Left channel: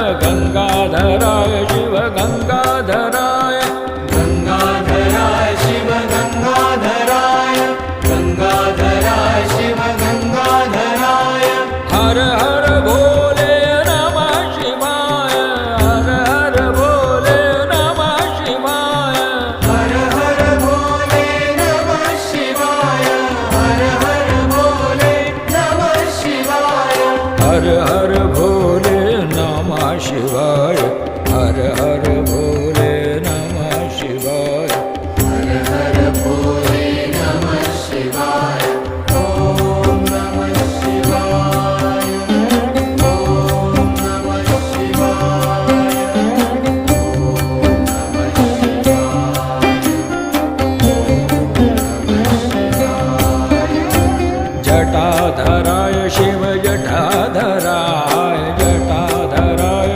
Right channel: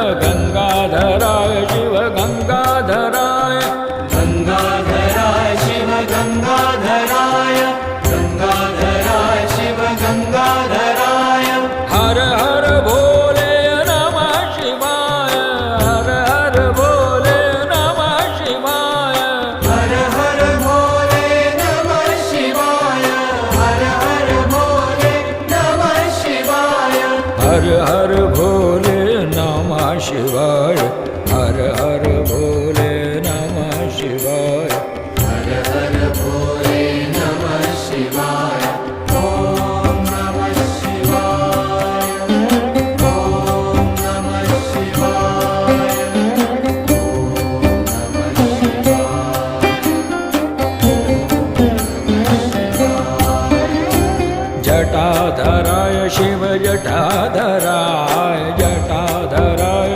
गङ्गाधराय शिव गङ्गाधराय गङ्गाधराय शिव गङ्गाधराय गङ्गाधराय शिव गङ्गाधराय हर हर हर हर भोले नमः शिवाय। हर हर भोले नमः शिवाय। हर हर भोले नमः शिवाय। जटाधराय शिव जटा